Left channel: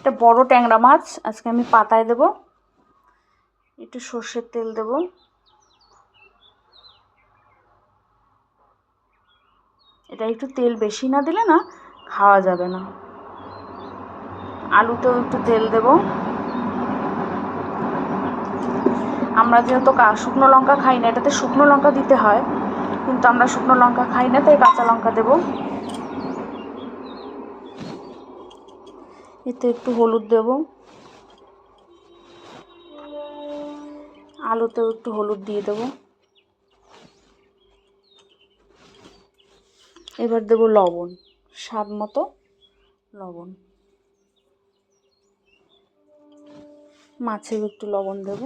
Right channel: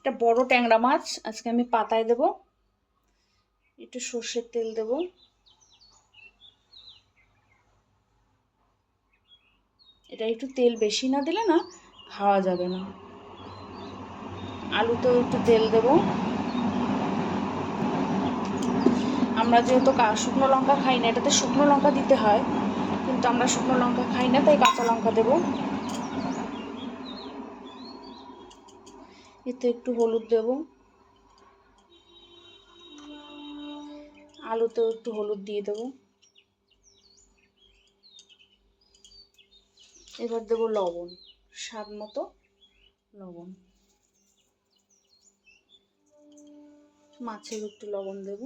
একটা বড় ট্যাংরা মাছ আজকে আমি পাতায় দেব। একটু সর্ষের তেল দেব। এটা একটু তেল বেশি না দিলে না খাওয়া যাবে না। আলুতেও একটু তেল দেব। আমরা যেহেতু শুকনো লঙ্কা খাই না, এটাতে শুকনো লঙ্কা দিতে হয়, কিন্তু আমরা শুকনো লঙ্কা খাই না, তাই কাঁচা লঙ্কা দেব। এতে একটু হলুদ দেব। আলুতেও একটু হলুদ দিয়ে দেব। এবার দেব লবণ, স্বাদ মতো লবণ। মাছেও একটু লবণ দেব।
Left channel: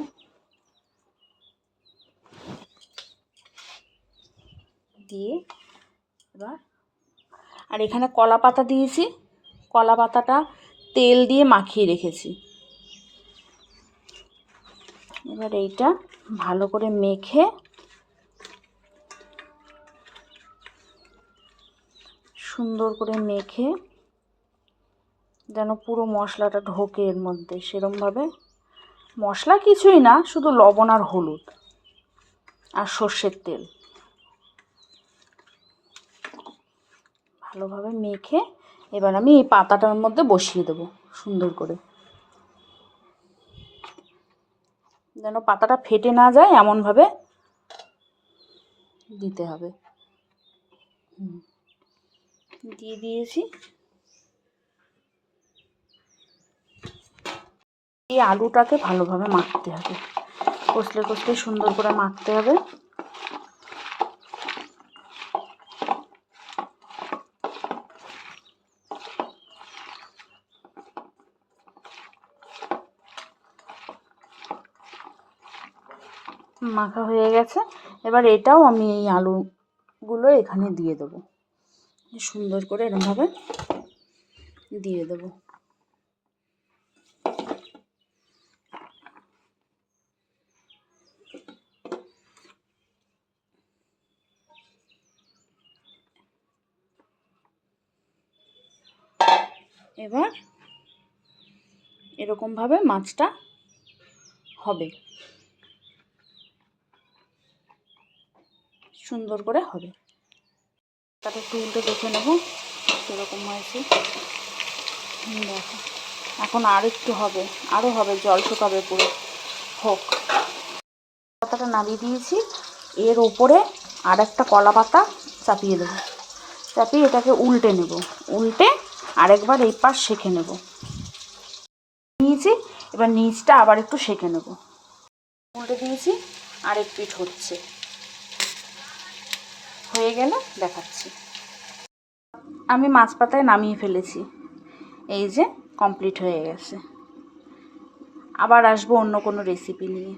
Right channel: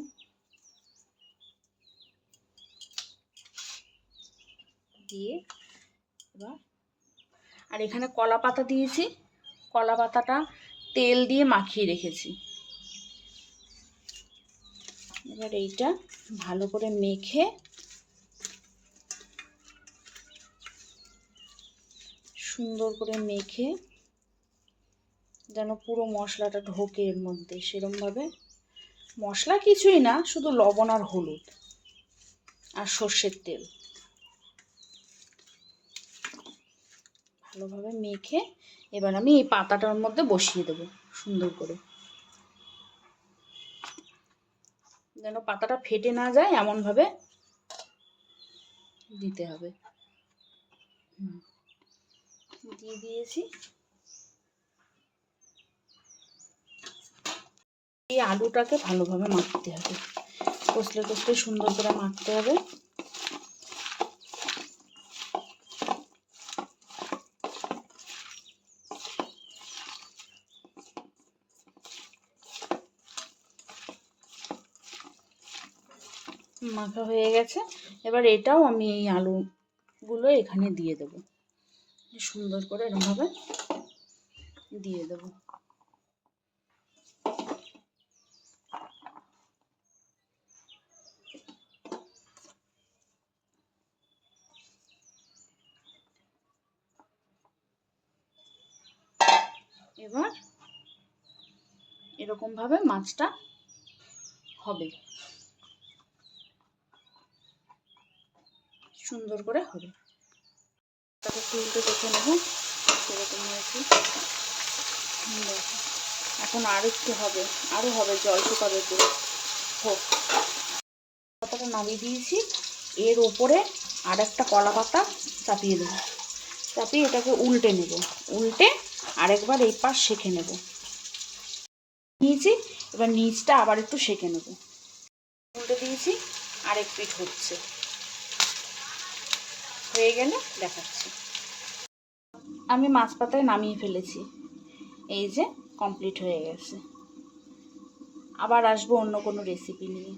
দিয়ে এবার আর এখানে কলা পাতা দিয়েছি। কলা পাতাটা তেল দিয়ে মাখিয়ে রেখেছি। এবার এইটা ভালো করে মেখে সুন্দর করে মেখে যেন পুরো মশলাটা ঢোকে এর মধ্যে, সেরমভাবে। মশলা কিছুই না, শুধু লবণ আর হলুদ আর সর্ষের তেল ভালোভাবে মেখে এবার আমি এই পাতাটার মধ্যে বসিয়ে দেব সুন্দর করে, যেন পাতাটা ফেটে না যায় এমনভাবে দিতে হবে। দিয়ে দিয়েছি। এই আলুটাকে ভালোভাবে মাখতে হবে, কষলে কষলে সুন্দর করে মাখতে হবে। মাখা হয়ে গেছে। এবার এটাও আমি এই আলুগুলো এখানে দিয়ে দেবো, সুন্দর করে এরকমভাবে দিয়ে দেবো। এবার এরকমভাবে মাছটা হবে, সুন্দর করে হবে। তাকে একটু উল্টে দেখে নেব কীরকম হয়েছে। দেখো, এখন আর একটু হবে, আরও হবে, জল শুকাবে পুরো। হোক। পাতাটা নামিয়ে দিয়েছি। এর ওপরে আর একটা কলা পাতা চাপিয়ে দেবো। চাপিয়ে এটাকে উল্টে নেব। উল্টে আরেকবার এই পাশ সেঁকে নেব। নিয়েছি, এবার নিচটা আবার একটু সেঁকে নেব। উল্টে দিয়েছি, আরেক পিঠ হচ্ছে, হয়ে গেলে দেখাচ্ছি। আমি মাছ পাতায় নামিয়ে ফেলেছি। এই যে কমপ্লিট হয়ে গেছে। আবার আসবো অন্য কোনো রেসিপি নিয়ে।